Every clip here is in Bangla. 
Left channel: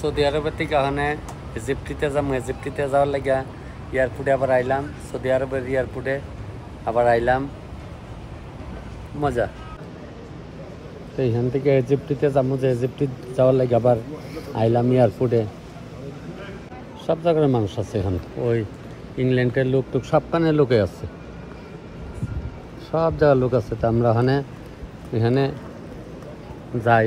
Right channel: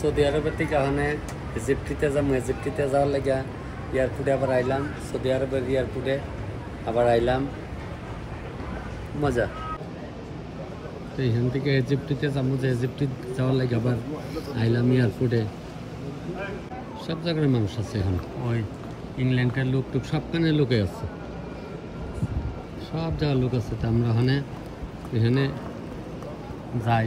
সৌদি আরবের থেকে ওখানে ইজিপ্টিতে যাবো, ইজিপ্টিতে যাওয়ার লাগে এয়ারপোর্টে আবার আইলাম, সৌদি আরবের এয়ারপোর্টে আবার আইলাম, মজা। তো এখান থেকে ইজিপ্টিতে যাবো, যে ইজিপ্টি যাওয়ার লাগে আবার আইলাম এয়ারপোর্টে। সব জায়গার মানুষ আছে এখানে, ওই ইংল্যান্ডের লোক টুক সবখানে লোকে আছে, সব জায়গার লোক আছে। তো আমরা এখানে যাই,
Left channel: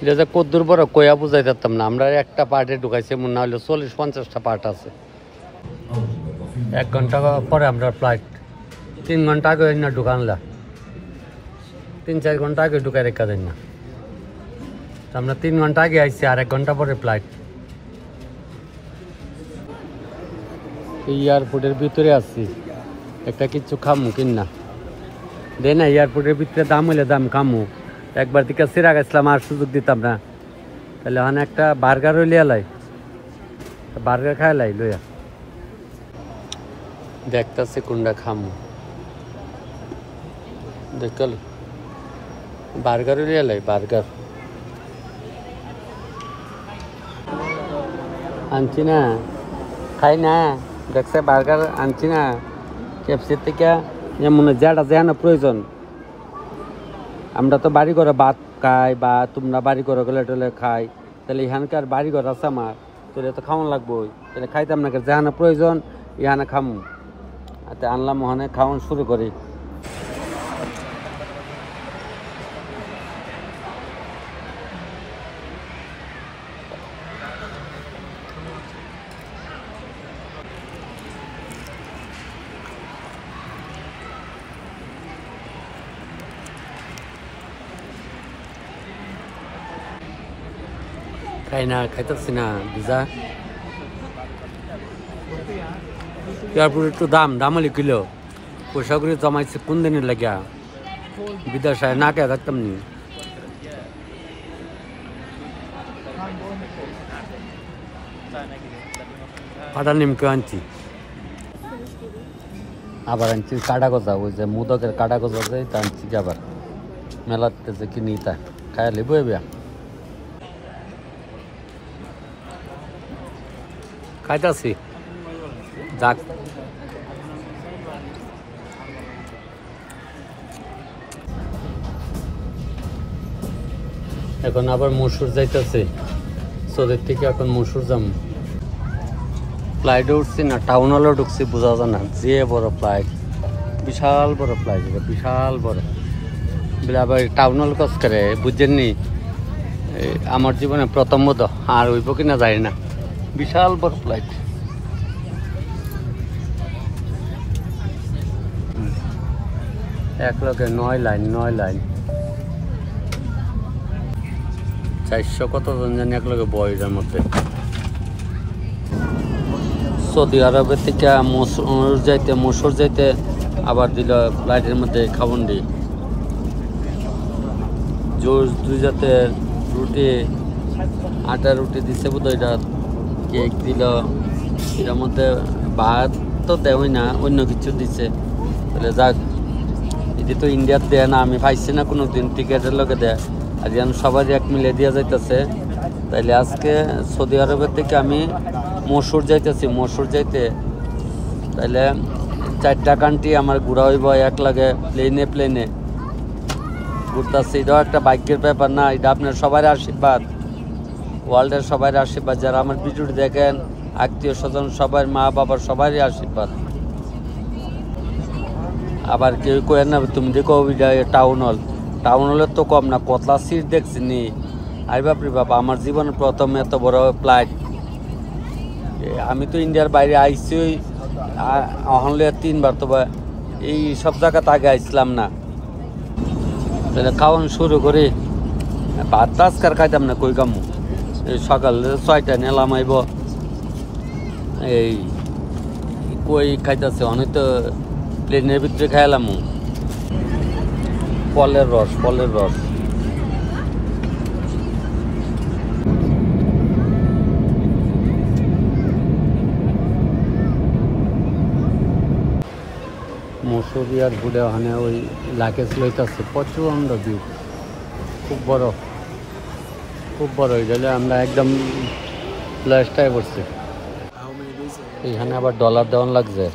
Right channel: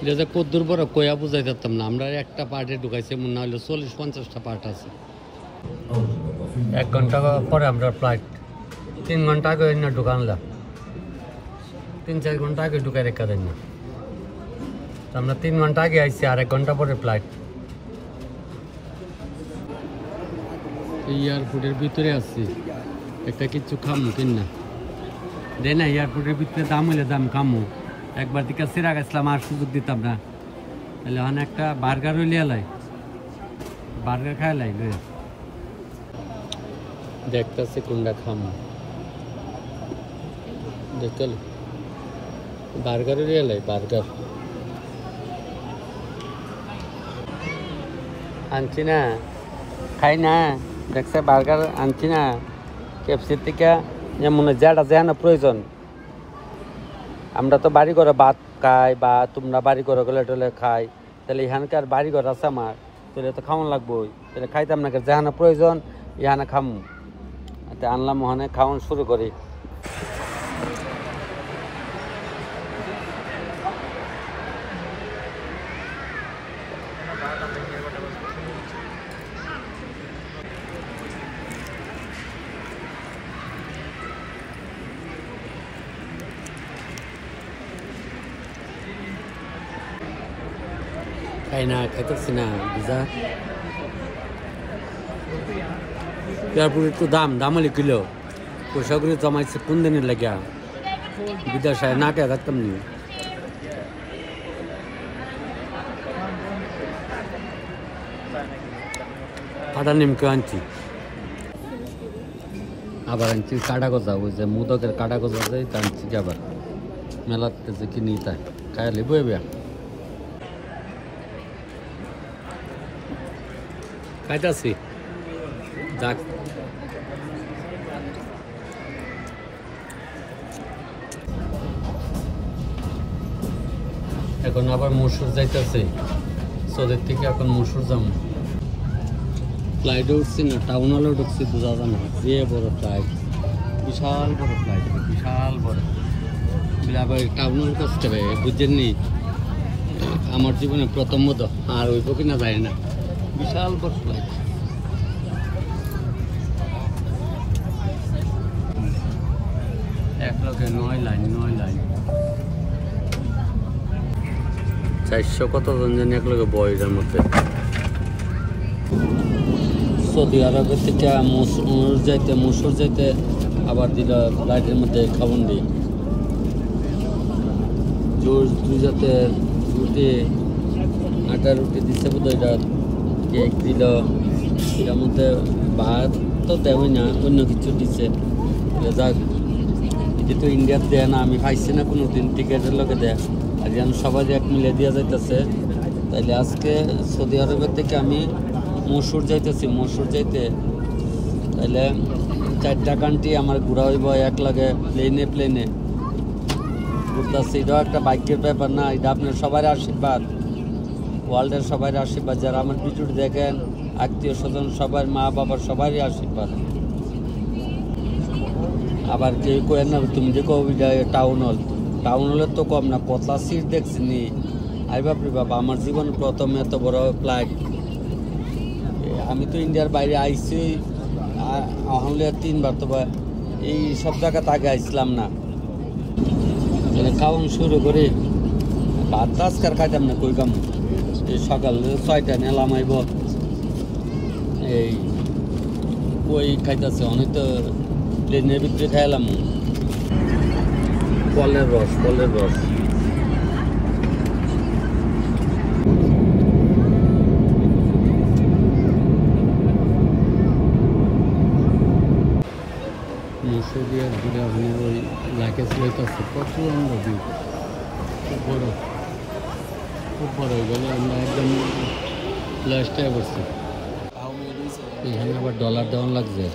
এটা যে কদ্দুর বড় কয়া বুঝাই পারতাম না। আমরা একটা পার্টে ঢুকাইছি, মনে হলো 40-50টা পার্ট আছে। 1 ঘন্টা পরে আমরা ফ্লাইট, 3 ঘন্টা আগে না ঢুকানলা, 3-4 ঘন্টা আগে ঢুকাই রেখা দেন না। আমরা 3 ঘন্টা আগে আইছি, আর 1 ঘন্টা পরে ফ্লাইট। এয়ারপোর্টের ভিতরে আসছি, একটা কিছু খামু কিনা দেয় না। এয়ারপোর্টের ভিতরে দাম হইলে দাম খামু, একবার দিকে সিরা গেছিলাম আর সুযোগ দিতাম না। তাহলে ওখানে একটা বার্গার হইলে এলাই, বার্গার খাই লাই লইয়া দেখতেছি কোনটা খামু। দেখল বার্গার হইলে এলাই, বার্গার আনছি না, খাই না। দেখছে বার্গার আনছি না ক্যাপসির থেকে, যেমন যেটা যায় না প্রয়োজন। আমরা তো বাড়ি করে ভাত খাই, বা তোমরা বাড়ি করে গেলে টোলে খাই, তাহলে এখানকার বাড়ি ঘর আছে আমার, তোলে তো খাওয়ান লাগবো। তাহলে খাইতাম না, যেখানে প্রয়োজন এখানে খামু। আচ্ছা আনলাম, ওখানে খাওয়ান শুরু করি। খাই না, খাইতেছি না বুঝা। এয়ারপোর্ট একটু দাম হলে কিলো পয়সা করে জমাইছে কোন দিনের লাগিয়া, বিদেশে না কে থাকতাম নি। ফাটা নিমকে আনছি, আবার আনছি কাটা গজা, ওই যে মোদকের কাটা গজা যায়, তা আনছি আবার মেলাতে যে কিনি, তা খাইলে বইবে খাইতেছি। যাক এখন আবার মসুর যাইতেছে সৌদির থেকে, এখন মসুর যাম। ফ্লাইটে উঠছি না, টাউন হলেও ঢুকছি, বোঝা যায় না যে বড় ফ্লাইট, বিশাল বড় ফ্লাইট, বিশাল বড়। আবার টাউন হল কস করে বুঝছেননি, আমার জীবনে প্রথম বোধ, আর হইব কিনা যায় না, বিশাল বড় ফ্লাইট। এক লগে 9 লাইন, 9 লাইন, 400 কতজন জানি এক লগে বয়সের মধ্যে। সৌদি আরবের থেকে মসুর যাইতে আবার দিল ফ্লাইটের মধ্যে খাবন দি জোর 2 জাতের রুটি, আটার রুটি দিচ্ছে বোধ, এটা কেক দিল, এটার মধ্যে ভাত তো দেওয়াই না, অন্য কিছু দিচ্ছে। তাহলে যাক, এটি তো ইন্ডিয়ার দেয় না, আমি পাইছি না কোনো দিন, টিকেটের লোকে দেয়, আর যেন সবাই এক মিলে দিয়া যাইতেছে। তাইলে আজকে সৌদি আরবের থেকে আমি মসুর যাইতেছি, মসুর যাইতে তাইলে 4টা কান্ট্রি আমার ঘোরা হইব এক লাগে, প্লেনে ঘুরতেছি। এটাও একটা ভাগ্যের ব্যাপার না, এটা আপনার সবার আশীর্বাদ, ওয়ার্ল্ডের সবার আশীর্বাদ, যারা আমার ভিডিওটি দেখেন, আত্মীয় স্বজন সবার, মা বাবার সবারই আশীর্বাদ। আবার কেউ কয়েন না তুমি দেখো টাউন হলের তো কম না, কতলা সিট দেখছি নি। আই বাপরে বাবা, আমার জীবনের প্রথম এত বড় ফ্লাইট। আমি তো ইন্ডিয়ার বাইরে আইসি হলে 3বার, তবে এই সব জায়গাতে আগে আইসলাম না। খাওয়ান শুরু করে ভাত আজকার খাইতাম না, কই কামু। এই সকাল 6টা নেলাম আইব, এই কই খাইতেছে, অনেক তো প্লেনের ভিতরে খাইলাম ফলের রস। মসুরিয়ার ঘুরে ওখানে ওই লাগেজ লইতেছে, প্রচন্ড ভিড়, খুব বড়। খুব বড় হয়ে গেলে আমরা একদম লাস্টায় পড়ছি। এখানে আবার ডলার দেওয়ান লাগছে,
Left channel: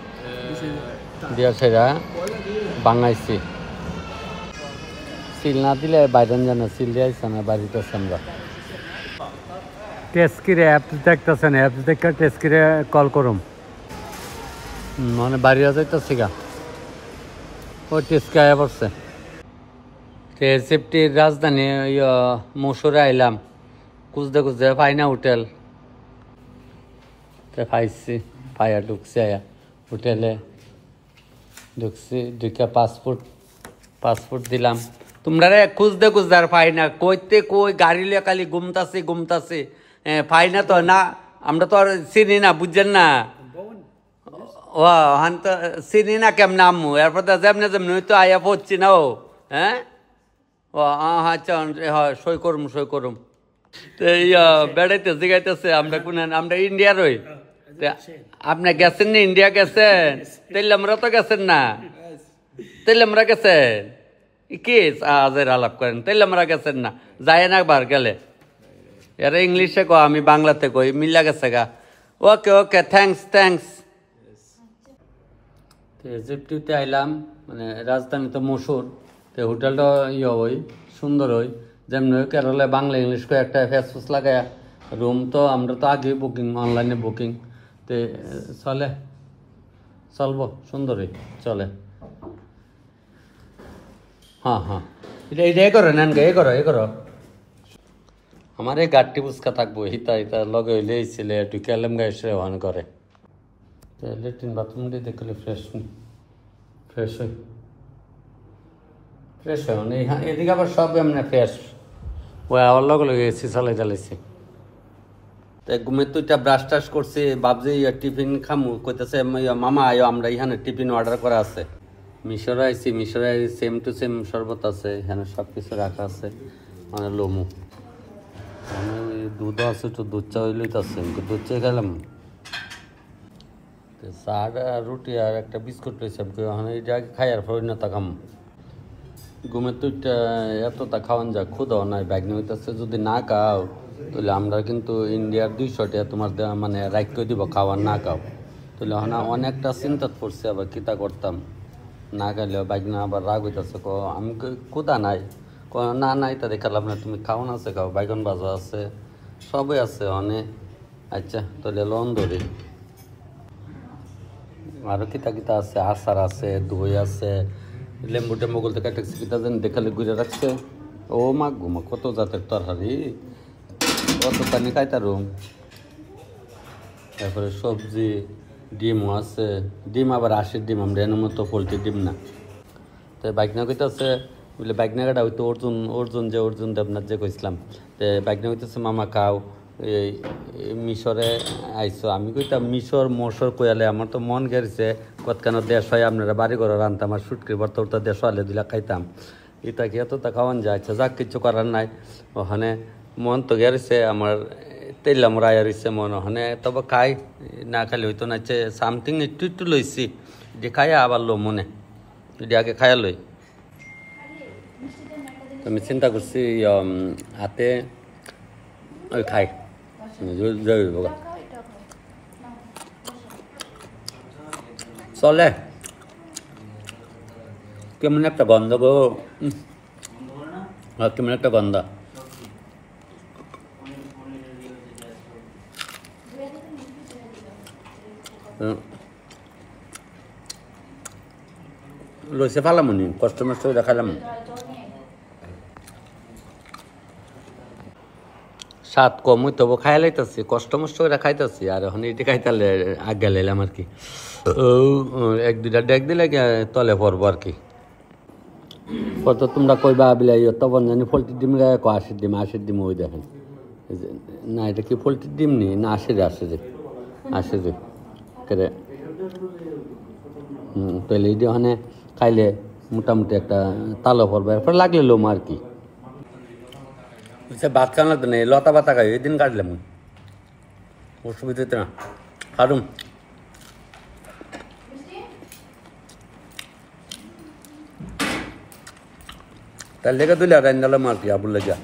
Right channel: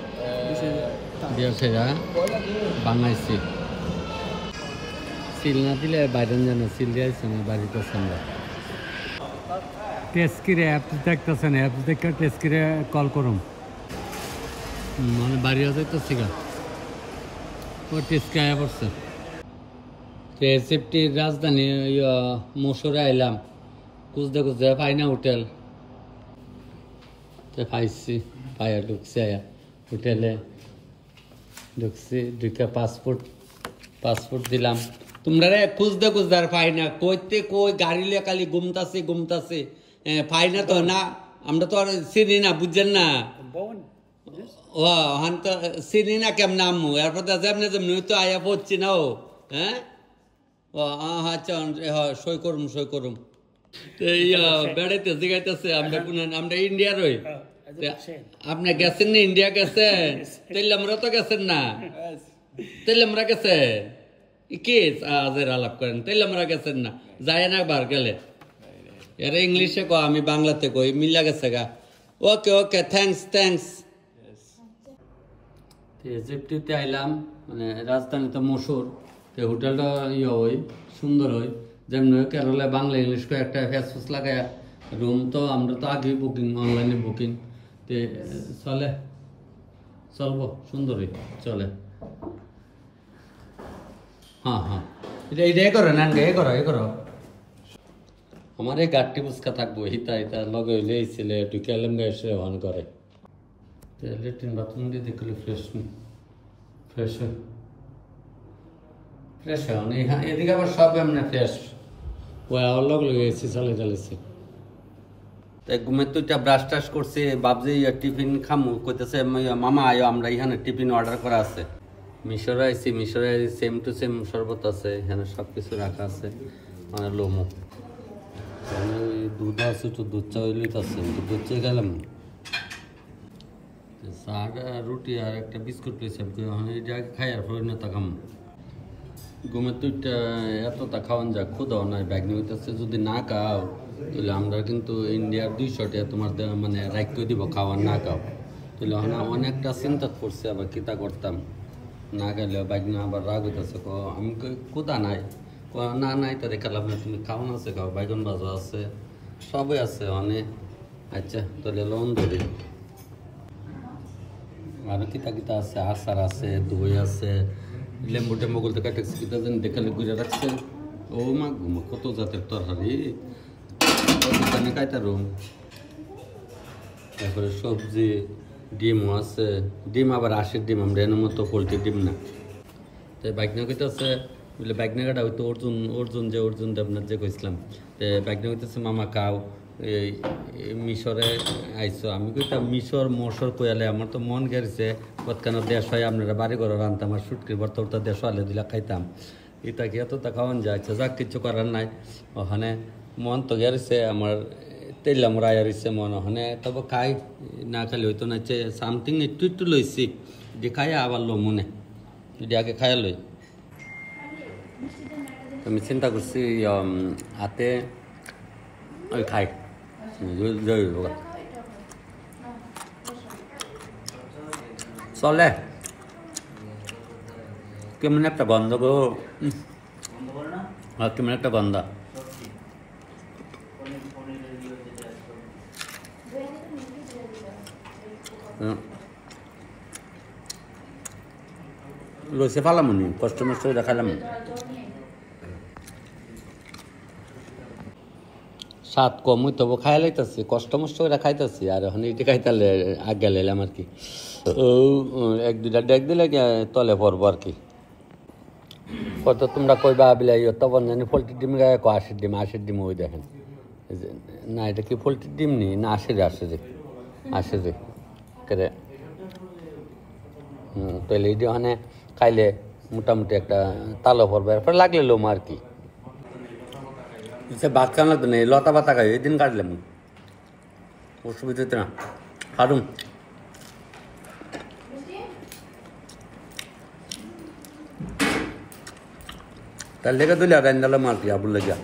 দিয়া সেরা বাঙাইছি। সিল না দিলে বাইরেন জানে, সিল দিয়ে আসছে না, বাড়িতে আসছে আমরা। টেস্কিরে অ্যাপস দেখতেছেন, অ্যাপস দেখে টেস্কিরে কল করুম, মানে বাড়ি যাইতেছি গা। ও টেস্কি আয়া পড়ছে। রেসিপটির রাজধানী মসুরে আইলাম, খুঁজতে খুঁজতে পাই না হোটেল, পাইছি, পাইয়া ঢুকছে হোটেলে। ঢুকছি, ঢুকে পাসপোর্ট দিলাম। তোমরা রে খুঁজতে খুঁজতে আর পাই না, কইতে কই গাড়ি লিয়ে খালি ঘুমতাছি পাই না তো না। আমরা তো আর চিনি না, বুঝছেন না? ও হান তো চিনি না কেমন আম্মু, এরপর তো যেমনি তো আয়া পড়ছি না। ও হ্যাঁ, ও আচ্ছা, হ্যাঁ সই করুম। তো বেড়াইতে জিগাইতেছে আমরা কোন, আমরা ইন্ডিয়ার হই। আপনি গেছেন না, ইন্ডিয়া গেছেন? তাইলে আমরা তো গেছেন না, তাইলে আমরা গেছেন কি আজের আলাপ করেন? তাইলে আমরা গেছেন না, যায় না বার গেলে। এরা ইংলিশে কো, আমি বাংলাতে কই, মিলা গেছে গা। Okay thanks. ইজিপ্টিতে আইলাম, মানে রাজধানী তো মসুর, তো হোটেলটা হই সুন্দর হই, যেমন কেরলে বাংলা ইংলিশ করে একটা ফেসফুস লাগায়। রুম তো আমরা তো আগেই বুকিং, অনলাইনে বুকিং, তো চলবো সুন্দরই চলে। হ্যাঁ এটা করো নেন, এ করো। আমার এই গাড়টি বুঝকা থাকবো, হিতা লগে হইলে ছেলে ঢুকে এলাম গায়ে ওয়ান করে। লেট্রিন বাথরুম দিয়ে দেখলে ফ্রেশ হয় মানে এদিকে আবার সব এমনি ফ্রেশ। ওই আবার লগে এসি চালাইছি। ঘুমের তো ব্রাশ টাশ করছি, ভাবছি টিফিন খামু, কইতেছে মামা আয়ো, আমরা এখানে টিফিন অর্ডার করা আছে। মিশরে আইছি সেম টু সেম শরবত আছে, এখানে সব কিছু রাখা আছে, মানে লমু, ওই দুধ আছে, একটু দুধ চা হইলেইতেছে, দুধ চা খেলাম। চাটা রুটি আর একটা বিস্কুট পেয়েছিলাম, এটা আগে খাই আর পরিণতা খাম। ঘুমের তো এতটা খাওয়ান যা খুদাও নাই, ব্যাগনি হইতেছে। যদি না খাও তাহলে আমরা কিন্তু ইন্ডিয়ার 200 টাকা তোমার মানে রাইট করে দিব, খাওয়ার না খাও। তাহলে অনেকটা চিন্তা পড়ছে, আবার কিতা করতাম না খাইলে। ব্যাগনা আবার রাগ হইতেছে, আমি ক্ষুদা নাই, না নাই তা দেখালাম না, তুমি খাও না আছে, খাও, বাইগন ভাজা আছে, সবই আছে অনেক। আচ্ছা তাহলে লোন ধরি, আরো কিতা আছে, আচার আছে, দই আছে, লেম্বু টেম্বু বলতে কাটেছি, কিতা যেন দেখালে ঘুরে রাখছে। ও মা ঘুমা, কত জাতের তরকারি, কত পানি খাইতারুম। তারপরে সবজি, ডিমও আছে, ডিম আবার 80 ডিম, আমরা এর মতো পোলট্রির ডিম না। তো বাইকনা কইতেছে, বলে বাইকনা কাটা হইতো অর্জুন দেবনাথ যে কইছিলাম, তো বাইকনা কইতেছে মামা খাও, এই মিশরে আইসো। আমি কইতাম মশর কইয়ালে আমার তো মন গেছে, কতখানো দেশ হয় আপনারা বাড়ি ঘরে রানতাম, আর সুটকির ভর্তা দেশ হলে দিলা খাইতাম। এটা কি এতটা খাওয়ান যায়? যাক কিছু করার নাই, ওখানে মন তো গেছে আমার, তেলাম রায় রয়েছে মন, ওখানে তবে খাই, না খালি হইতো না। সামথিং একটু লইছি, যে খাইয়া আবার লো মনে, যদি আগে খাইয়া লই। আমি চিন্তা করছি হাতে ওই খাই চলে। কেমন একটা গন্ধ গো, কেমন একটা গন্ধ। লইছে ফালাম নি, কষ্ট মষ্ট দেখালাম। স্বাদ কম হইতে হবো, খাই লাইতেছি, কষ্ট মষ্ট করে খাইতেছি। আর এখন এটি খাইতালে আগে লাইলাম আর কি, 1-2টা ডেক দিলে তলে পড়বো আর কি। কত তোমরা কইবা বিলাই তখন জানি পোলট্রির ডিম গায়ে 80 ডিম ওই দেখেন না, এটা কি পোলট্রির ডিম নি না? আসে যে কেরে তাহলে এটা ওখানে খাইলে মোটামুটি একটা তালো পড়বে, এরপর লাগলে লোম আর কি। ভাত খাওয়া লাগতো না, লতা পাতা খাই, এই দিন কাটলাম, অসুবিধা হইতে না, কাটুন। তার লেগে দিলে আর রান্নালাম আর কি, আবুল লেগে।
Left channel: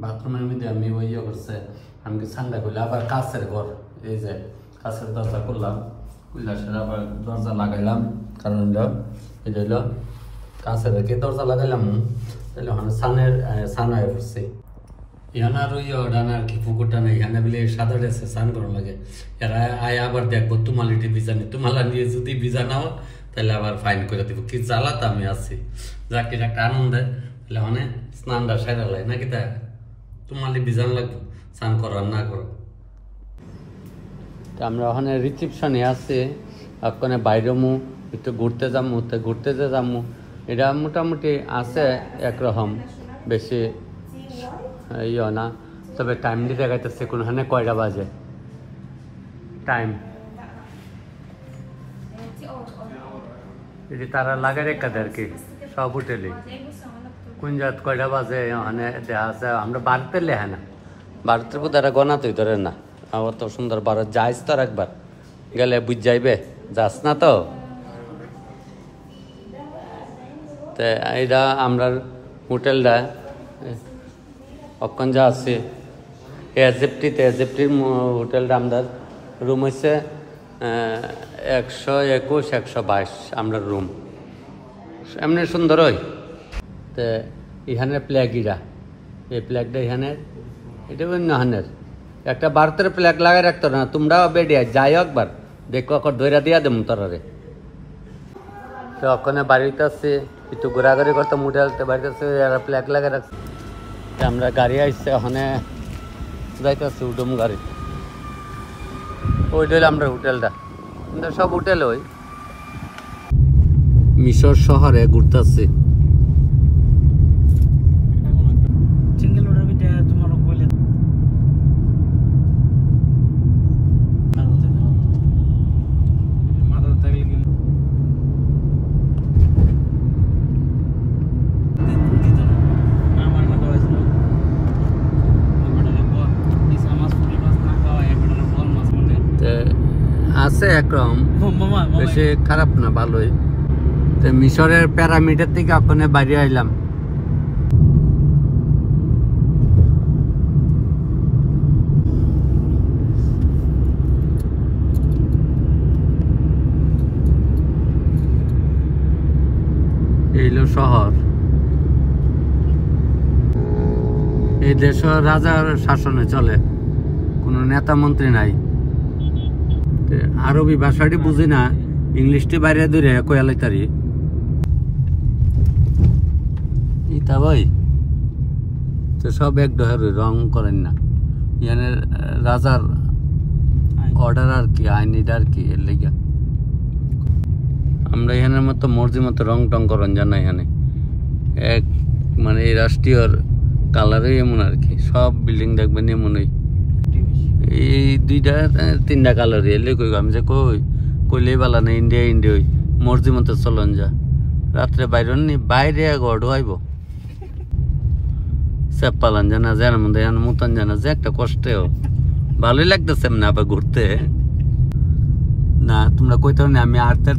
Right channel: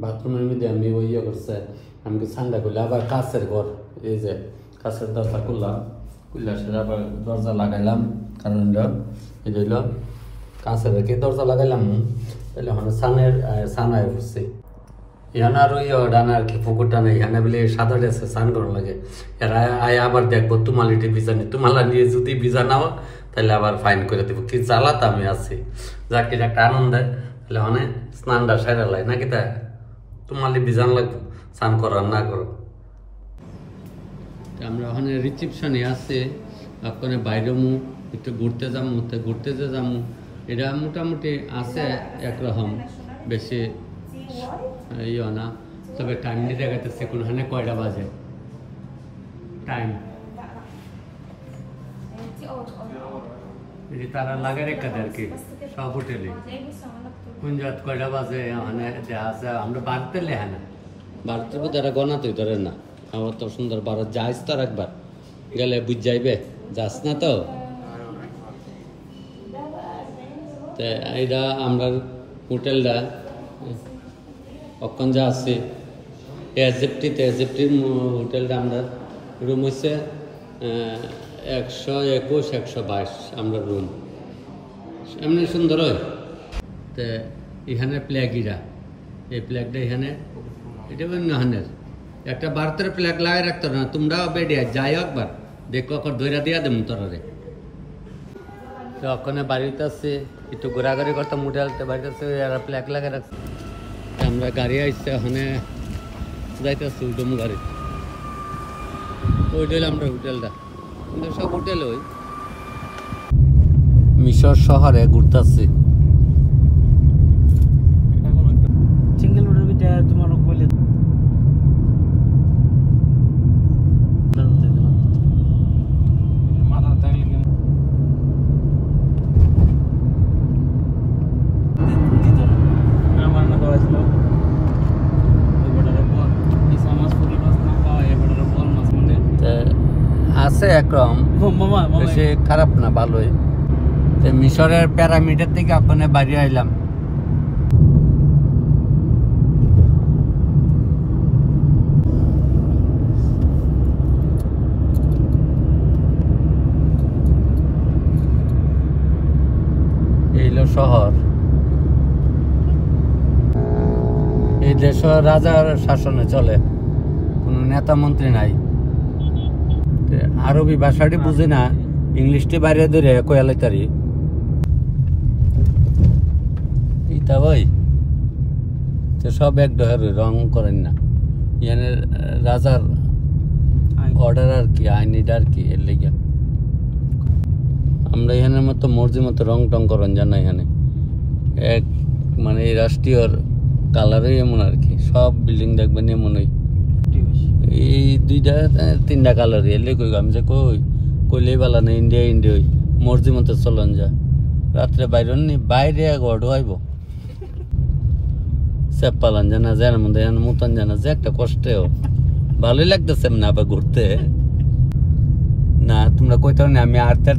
বাথরুমের মধ্যে আমি ওই করছে আমাকে ঠান্ডা করলে আবার কাছের ঘর এই যে কাছের দরজা করলাম উল্লাসের আবার দরজা লাগাইলাম কারণ এই হইল কাছে রেখে দরজা লাগাইলাম তাহলে ওখানে সানায় পড়ছে এখানে আর ওই ডানা আর কি পুকুরটা নেই এখানে বলে সাদা ড্রেসে স্নান করা লাগে এরা আয় আবার দেখবো তোমালিটি ভিজা নেই তোমালা নিয়ে যদি ভিজা নাও তাহলে আবার ফাইন করে দেবো কি জ্বালাতে আমি আছি যাক এটা একটা আনন্দ তাহলে মানে স্নানটা সেরা লাগে নাকি তা তোমালি ভিজান লাগবে স্নান করো আর না করো আমরা ওখানে রিসেপশনে আছে ওখানে বাইরে মু একটু ঘুরতে যাবো ঘুরতে যে যাবো এটা মোটামুটি আছে একরকম বেশি ইয়ে না তবে টাইম দিতে গেছে কোনখানে কয়টা বাজে টাইম এটি তারা লাগে রেখা দেয় আর কি সব হোটেলে কোন জাত কয়টা বাজে ওখানে দেওয়া আছে আমরা বাড়তে লেখা না বাড়তে তারা গনা তুই ধরে না আমার তো সুন্দর বারো যাইস তো একবার গেলে বুঝ যাইবে যাস না তো এইটা আমরা হোটেলটা অক্ষণ যা আছে এজেপ্টির হোটেলটা আমাদের রুম হচ্ছে 121 122 আমরা রুম এমনি সুন্দর হয় তো এখানে প্ল্যাগিরা এই প্ল্যাগটা এখানে এটা অন্যহানের একটা ভারতের প্ল্যাগ লাগাই রাখতো না তোমরাও বেডিয়া যাই একবার দেখো ধৈরা দিয়া দেব তরারে তো ওখানে বাড়িতে আসছে একটু ঘোরাঘুরি করতাম হোটেলতে বাড়িতে আসছে এরা প্ল্যাগ লাগাই রাখছে আমরা গাড়ি আসছে ওখানে যাইতেছি উডুম গাড়ি ওই হইল আমরা হোটেলটা সব হোটেল ওই মিশর শহরে ঘুরতেছি আছে একরকম বেশি খারাপ না ভালোই মিশরের প্যারামিডের থেকে ওখানে বাইরে আইলাম এইলো শহর এই দেশ রাজার শাসনে চলে কোনো নেতা মন্ত্রী নাই আরবি ভাষাটি বুঝি না ইংলিশটি বাইরে ধরে কয়ালাইতারি ইতা ভাই তো সব এক ডহের রং করেন না ইয়ানে রাজার অর্ডার আর কি আইন এটা আর কি এর লেগে আমরা এখানের মতো মর্জি মতো রং টং করেন জানা এখানে এক মানে এই রাষ্ট্রীয় কালারে এমন আর কি সব বিল্ডিং দেখবেন এমনই এই 2টা 3টা কালার এলে কই আমি যে কইলেই বালা না ইন্ডিয়া মর্জি মতো চলন যা রাত্রে বাইরে গড় আইব সব পালান জানা জানার মধ্যে মতন জানা যে একটা কষ্টেও ভালোই লাগতেছে না আবার ঘুরতে না তোমরা কইতে না আমি আটটার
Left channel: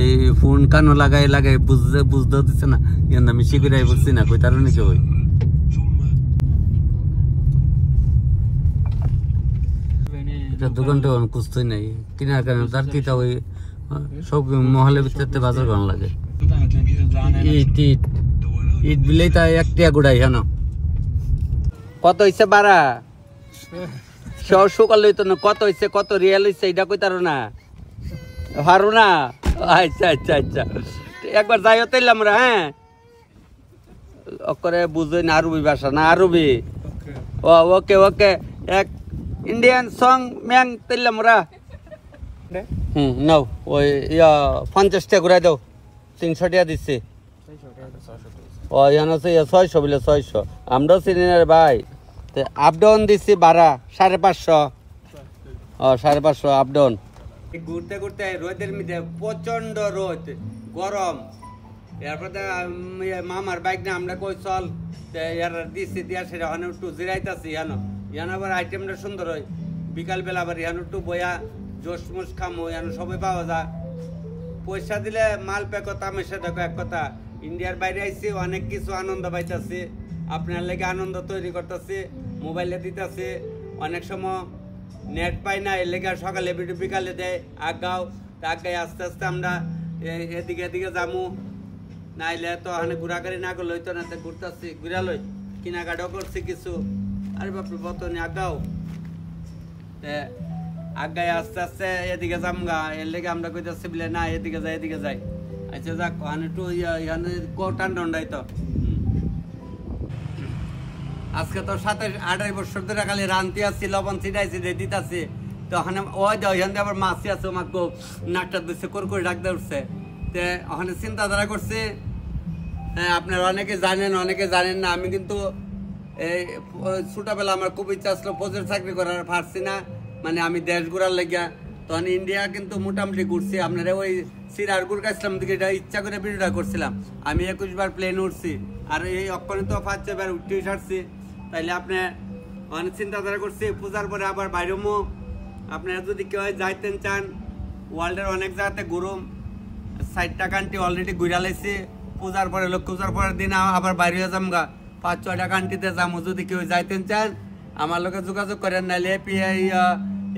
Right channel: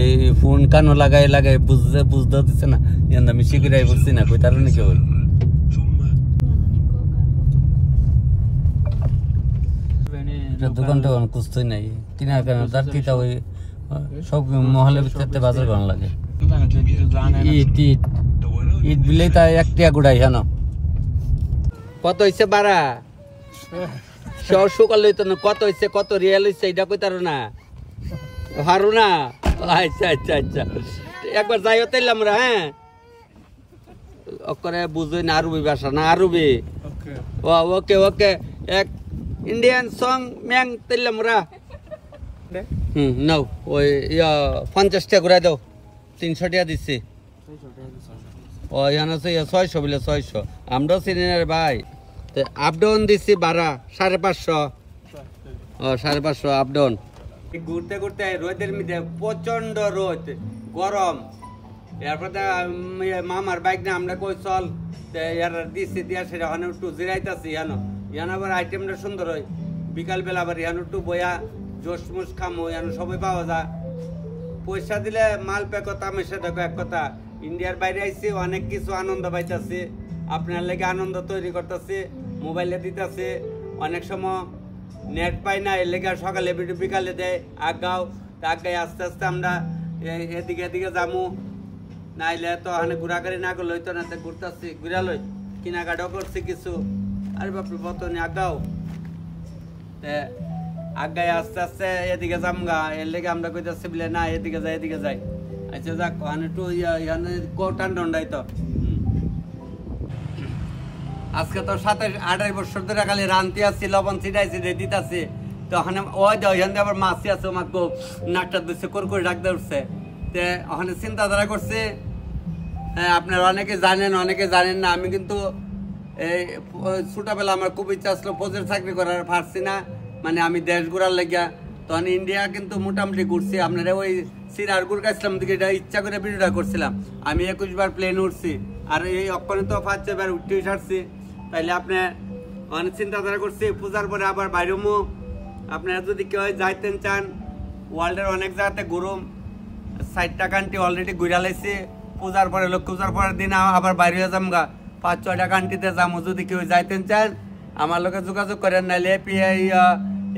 এই ফোন কানো লাগাই বুঝতেও দিচ্ছে না আমি শিখিরাই বলছি না কইতার নাকি ওই দোকানটা কুস্তই নাই কিনার কারণে তার কিটা ওই সব মহলের ভিতরে বাজার করানো লাগে ইট বিলেই তা একটা গুড়াই জানো কত হয়েছে বাড়া সকাল হইতো না কত হয়েছে কত রিয়াল হয়েছে এটা কইতার না হারো না আচ্ছা আচ্ছা আচ্ছা একবার যাইও তাইলে আমরা হ্যাঁ করে বুঝই না আরবি ভাষা না আরবি ও ওকে ওকে এক ইন্ডিয়ান সং ম্যাং তাইলে আমরা নাও ওই 50 টাকা ঘুরাই দাও 300 টাকা দিচ্ছি ও এখানে আছে 600 বলে 600 আমরাও চিনি না ভাই আপ ডাউন দিচ্ছি ভাড়া 550 ও 550 আপ ডাউন ঘুরতে ঘুরতে রোদের মধ্যে প্রচন্ড রোদ গরম এরপরে মামার বাইক না আমরা কই চল দিচ্ছি দিয়া সেটা ওখানে একটু জিরাইতেছি ইয়ানো আবার আইটেমটা সুন্দর হয় বিকালবেলা আবার ইয়ানো একটু বয়া জোশ মুস খামো ইয়ানো সবাই পাওয়া যায় পয়সা দিলে মাল পেকো তামেশা দেখো এক কথা ইন্ডিয়ার বাইরে আইসি অনেক কিছু আনন্দ পাইতেছি আপনার লেগে আনন্দ তৈরি করতেছি, মোবাইলে দিতেছি। অনেক সময় নেট পাই না, এর লেগে সকালে বিকালে দেয় আগাও, আগায় আস্তে আস্তে আমরা এদিকে এদিকে যামু। নাইলে তো ওখানে ঘোরাঘুরি না করলে হইতো না, ঘুরতেছি, ঘুরা লই কেনাকাটাও করছি কিছু। আরে বাপরে বতনে আগাও, আগায় আস্তে আস্তে এদিকে যামগা, এর লেগে আমরা কইতেছি বলে না এদিকে যাই এদিকে যাই। আচ্ছা যাক, ওখানে একটু টান ডন্ডাই তো। আজকে তো 27-28 বছর ধরে খালি রান্তি আসছি, লবণ ছিটাইছি দিতাছি। তো ওখানে ওই ওইখান দিয়ে আবার মাছি আছে, আমাকে নাকটা দিচ্ছে, করে ডাকতে উঠছে। তো ওখানে চিন্তাধারা করছে, হ্যাঁ আপনারা অনেকে জানেন অনেকে জানেন না, আমি কিন্তু এই ছোটবেলা আমার খুব ইচ্ছা আসলো ফৌজের চাকরি করার, পারছি না। মানে আমি দেশ ঘুরার লেগিয়া তখন ইন্ডিয়া কিন্তু মোটামুটি ঘুরছি। আপনারা ওই সিরার গুরকাইছিলাম দিকে এটা ইচ্ছা করে ভিডিওটা করছিলাম। আমি 21 বার প্লেন উঠছি, আর এই অক্ষণে তো 5-6 বার উঠতে ছাড়ছি। তাইলে আপনি অনেক চিন্তাধারা করছি পূজার পরে আবার বাইরেমো। আপনারা যদি কেউ যাইতেন চান, ওয়ার্ল্ডের অনেক জায়গাতে ঘুরুম, 60টা কান্ট্রি অলরেডি ঘুরা লাইছি। পূজার পরে লক্ষ্মী পূজার পরের দিন আবার বাইরে যামগা, 5-6টা কান্ট্রিতে যাবো। যদি কেউ যাইতেন চান আমার লোকে যোগাযোগ করেন, নাহলে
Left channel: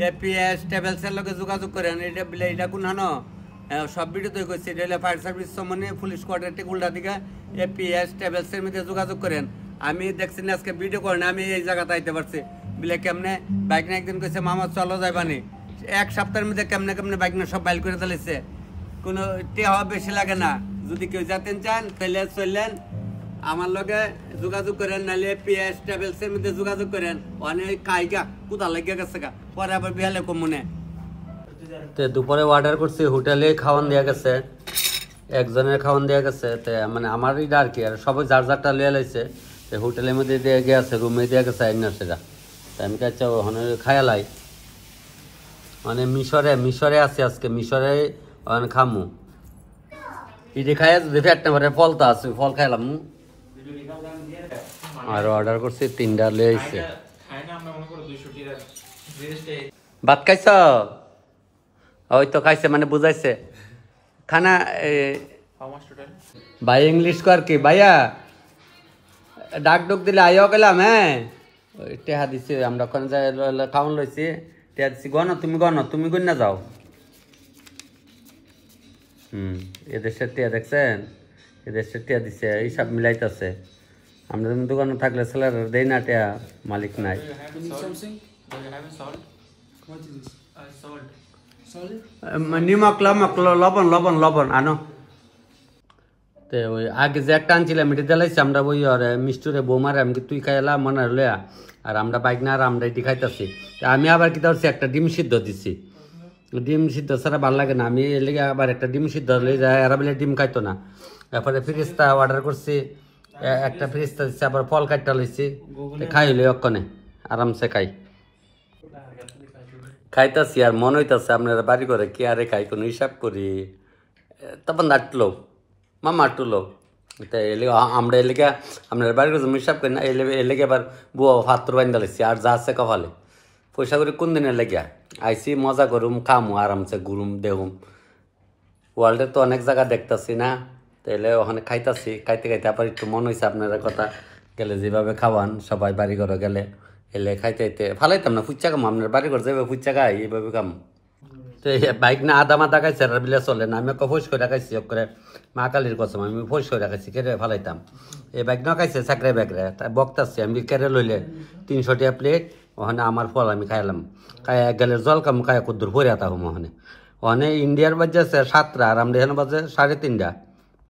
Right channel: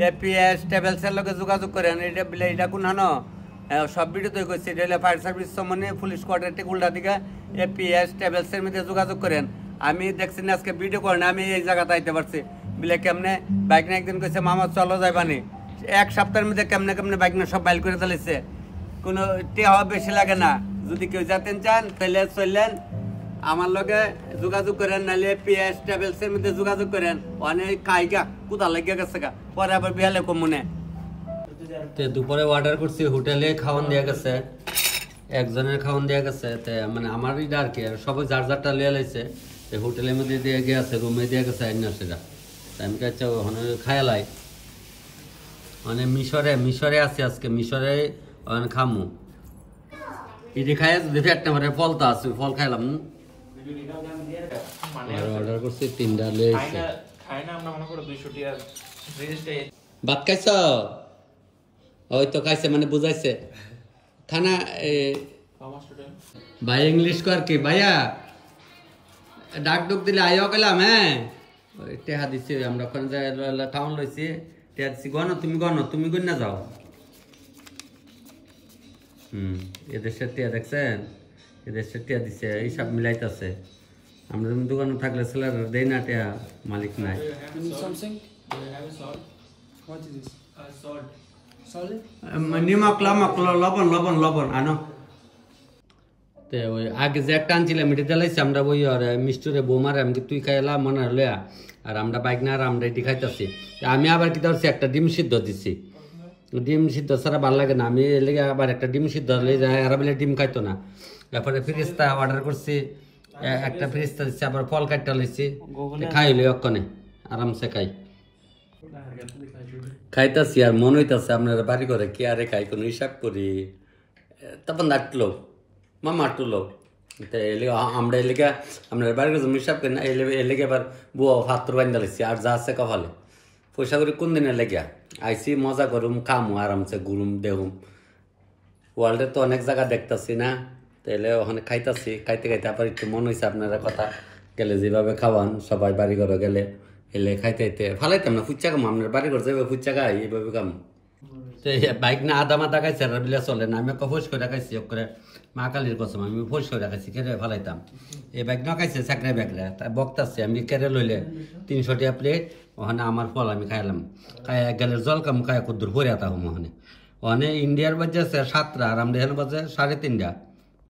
এপিএস ট্রাভেলসের লোকে যোগাযোগ করেন। এটা বলে এটা কোন হানো সব ভিডিওতে করছি, এটা হলে ফায়ার সার্ভিস সম্বন্ধে পুলিশ কোয়ার্টার থেকে উল্টা দিকে এপিএস ট্রাভেলসের মধ্যে যোগাযোগ করেন। আমি দেখছি না আজকে ভিডিও করেন, আমি এই জায়গাতে আইতে পারছি বলে কেমনে বাইক না একদিন কইছে মামা চলো যাইবানি, 1 সপ্তাহের মধ্যে কেমনে কেমনে বাইক না সব বাইল করে চালিয়েছে। কোনো টেহা বেশি লাগে না। যদি কেউ যেতেন চান তাহলে চললেন, আমার লগে যোগাযোগ করেন, নাহলে পিএস ট্রাভেলসের মধ্যে যোগাযোগ করেন। অনেক কাইগা কোথা লাগিয়ে গেছে গা, পরে আবার বিহালে কমনে। দুপুরে অর্ডার করছি, হোটেলে খাওয়ান দেওয়া গেছে, একজনের খাওয়ান দেওয়া গেছে। মানে আমার এটা আর কি, আর সবাই যার যারটা লিয়ে লাইছে। হোটেলের মধ্যে দিয়ে গেছে, রুমে দিয়ে গেছে আইন না সেটা। আমি কাছে ওখানে খায়ালাই, মানে মিশরে আছে আজকে, মিশরে ওখানে খামু। ইডি খাই যদি ফ্যাটটা ভরে ফল তো আছে, ফল খাইলাম। আর অর্ডার করছি 3টা লিয়ে আইছে। ভাত খাইছ? ওই তো খাইছে, মানে বুঝাইছে খানা। ভাই ইংলিশ কর কি ভাইয়া, ডাক ডুক দিলে আইও গেলাম। হ্যাঁ টেহা দিছি আমরা, ওখানে খাওয়ান লইছি, টেহা দিছি। তুমি গণ না যাও। এদেশের টিয়া দেখছেন, এদেশের টিয়া দিছে, এইসব মিলাইতেছে। আমরা দোকানে থাকলে ছেলেরা দেয় না টিয়া, মালিক নাই। নিমক লবণ আনো। ওই আগে যে একটা আনছিলাম এটা জ্বালাইছি আমরা, ওই মিষ্টুরে বৌমারে আমি তুই খাইলাম মনে লয়া, আর আমরা বাইক না, আর আমরা এটি খাইতেছি। আমি আবার কি ধরছি একটা ডিম সিদ্ধ দিছি, ডিম সিদ্ধ ছাড়া ভালো লাগে না। আমি এর লেগে আবার একটা ডিম সিদ্ধ লই যায়, এরা বলে ডিম খাইতো না। তারপরে ফ্রিজটা অর্ডার করছি, একটা ফ্রিজটা দিচ্ছি, আবার ফল কাটটা লইছি, খাই লই অক্ষণে আরামসে খাইতাছি। আর মনে হইতাছে আপনারা বাড়ি করে কি আরে খাই, কোনো হিসাব করি তখন নাটলো মামা আটলো। আমরা এলাকা আপনার বাড়ি করে হিসাব করি না, এলাকা আবার বুয়া হাত বাইন্দা লাগছি, আর যা আছে ভালো পয়সা করে কোন দিনের লেগে আইসি, মজা করুম, খামু, আরামসে ঘুরুম দেহুম। ওয়ার্ল্ডে তো অনেক জায়গা দেখতেছি না, তাইলে ওখানে খাইতাছি। খাইতে আবার একটু মনে হয়েছে আপনারা কথা গেলে যেভাবে খাওয়ান সবাই বাড়ি ঘরে গেলে, এলে খাইতে ভালাইতাম না। ফুচ্চা কাম আপনার বাড়ি ঘর যাবে, ফুচ্চা খাই এইভাবে কাম। তো বাইক না আদা মাদা খাইছে, আর বিলে চলে না। আমি ফোস করে খাইছি, করে মা কালীর কসম আমি ফোস করে খাইছি, কেটে ফালাইতাম। এই বাইক না খাইছে চাকরে ব্যাগরে বক্তাছি আমি, কেটে লইলে 300 টাকা প্লেট। ওখানে আমার ফল আমি খাইলাম, খাই গেলে জল কাম খাই কুদ্দুর ভরে আতা ওখানে। ওখানে ইন্ডিয়ার বাজে 7টা, আর আমরা এখানে বাজে 3:30।